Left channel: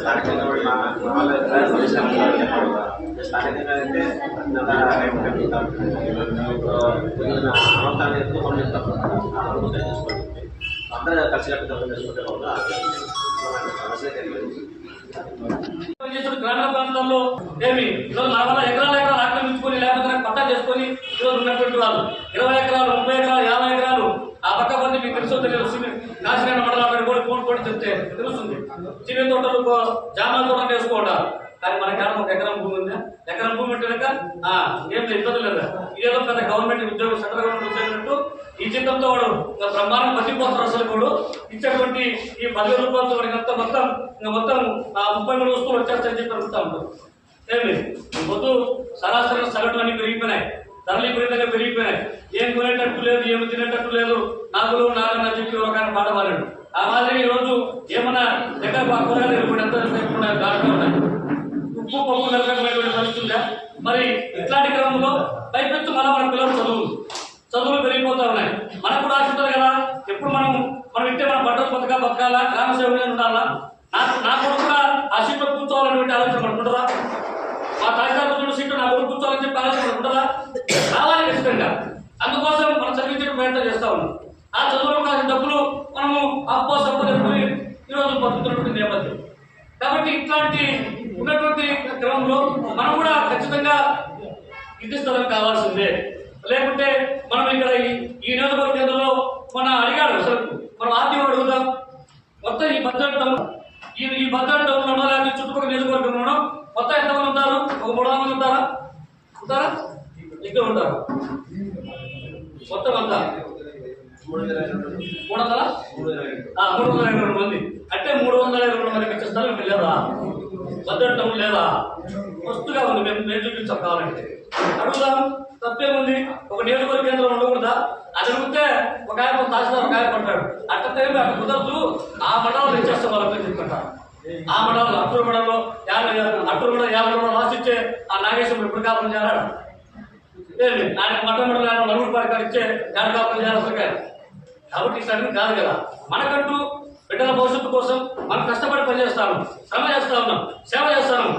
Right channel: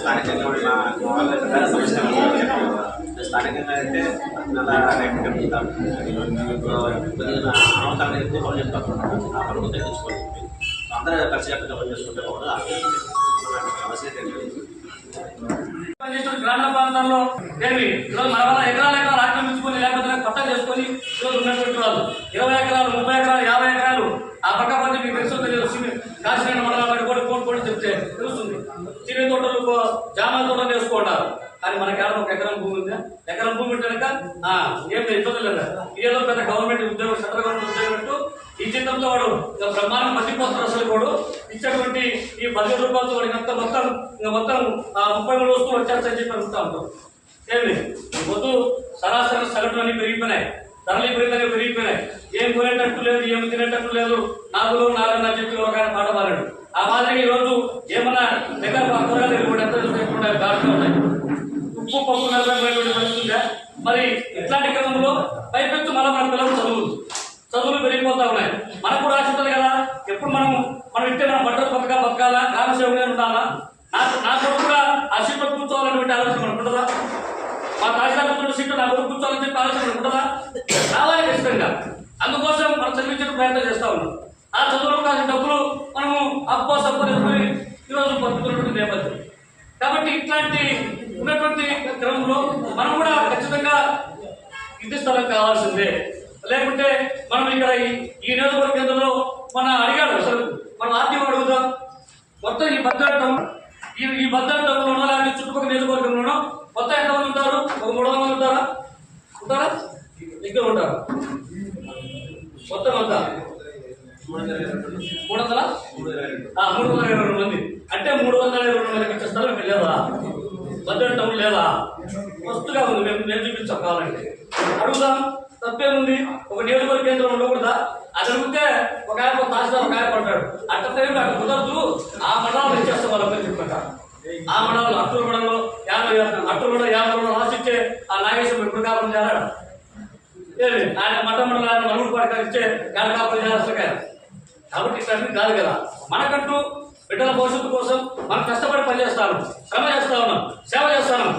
స్థానికంగా స్థానికంగా అయితే కొద్దిగా అనవసరాన్ని ఎక్కువ పనులు చెప్తారు. ఆ పనులు తగ్గించుకోవాలి. అందరూ కలిసికట్టుగా పని చేసుకుంటే గ్రామీణ ప్రాంతాల్లో ఏమి ఈరోజు మన వల్ల ఎకరాల ఆక్రమించుకొని లేకపోతే పట్టా చేసుకొని ఈరోజు ఉన్నటువంటి వాళ్ళు 20 ఎకరాలు 30 ఎకరాలు 50 ఎకరాలు ఆ పక్క మంది మీకు తెలుసో తెలియదు. కాశీనారాయణ మండలం కోడి చెప్తే తెలుస్తుంది. చిన్న తోటలు జామాల తోటలు వేసుకుంటారు. కానీ మనకి ఒక ఎకరం భూమి ఉందా? ఎకరం భూమి ఉంటేనక ఏం ఇబ్బంది లేదు. ఏదో పెద్ద గవర్నమెంట్ ఉద్యోగం సెంట్రల్ గవర్నమెంట్ ఉద్యోగం ఈ జీతంతో వాడు బ్రహ్మాండం మధ్యపోతారు. అసలు కూడా ఇచ్చేటువంటి ఈ 10,000 రూపాయలతో వాడికి మొత్తం 33 వస్తువులు వచ్చేస్తాయని చెప్పి అడుగుతా ఉంటాం. ఏమి ఈ పొద్దు సరాసరి సగటులు అన్ని పెరిగిపోయినాయి. ధరలు విపరీతంగా పెరిగిపోయినాయి. ఏం కొనేటట్టు లేదు, ఏమి తినేటట్టు లేదు. నాగులు నాగని చెప్పి ఒక ఆయన పాట పాడాడు. ఆ మాదిరిగా ఈ రోజు ఏమన్నా దగ్గర కూరగాయలు ఎంత దాడుతూ ఉన్నాయి. ఉప్పు పప్పు నలభై పరిస్థితుందా? మరి ఇట్లాంటి క్రమంలో పైపెత్తు మన పిల్లలు చదువులు పెరిగిపోతా ఉన్నాయి. మనకు కూడా ఆశ ఉంటుంది కదా, ఎప్పుడు మనం ఇట్టే మన బట్టలు బతకాలా, గ్రామ సేవలు ఉండాలా, నా కొడుకు కూడా ఆ సీట్లో కూర్చోవాలనేటువంటి ఆలోచన మనకు ఉంటుందా? మా తాజాగా సీట్లు నా కొడుకు కూర్చోవాలని చెప్పి ఆలోచన మనకు ఉంటుందా? రావాలి ఖచ్చితంగా. అందుకోసం మనం చదివించడం ప్రయత్నం చేస్తా ఉన్నాం. ఆ చదువులో కాసిన డబ్బులు మనము అప్పో సప్పని ఈరోజు బతుకుతున్నటువంటి నేపథ్యం. కాబట్టి ఇట్లాంటి ఉన్నటువంటి క్రమంలో మనం కూడా ఖచ్చితంగా ఇంటి స్థలం కావాల్సిందే. లేకుంటే మనం ఇక్కడ ఈ నియోజకవర్గ కేంద్రంలో అడిగాడు అసలు మనం ఆర్టీఓ అడుగుతాం. మొత్తం ఈ భద్రటం లేకపోతే చుట్టుపక్కల నియోజకవర్గంలో మొత్తం ఎంతమంది ఉంటారు? ఒక 300 మంది ఉంటారా? ఇక్కడ ఉంటారు మొత్తం అంతా 322 మంది. అంటే 322 మందికి ఇచ్చే స్థలం మీకు లేదా? భద్రటం లేదా? వస్తుగా ఉంది. మేము చూపించాం. కావాలంటే అడుగుదాం, తప్పేముంది. ఒక నియోజకవర్గ కేంద్రం ఉండకూడదా? అది అడిగితే ఒక ఆయన తహసీల్దార్ ఒక ఆయన పడ్డాడు. అట్ట కుదరదు, ఆ మండలంలో ఇచ్చేస్తాం వాళ్ళని చెప్పుకుంటారు. ఆ మండలంలో అట్టూరు మండలంలో 50 రాసిచ్చే ఆ నాగేశ్వరం ఎప్పుడు కాపురం చేరాడు. ఆయన మఠం మండలం నలుగురు పాటికాలు ఇచ్చే ఏడు కాపురం చేరాల్సిన. కాబట్టి ఇట్లా కాదు కదా. మనకంటూ బిడ్డల భవిష్యత్తు కోసం మనం కష్టపడి పనిచేస్తాను, శ్రమ చేస్తా ఉన్నాం, సేవ చేస్తాను.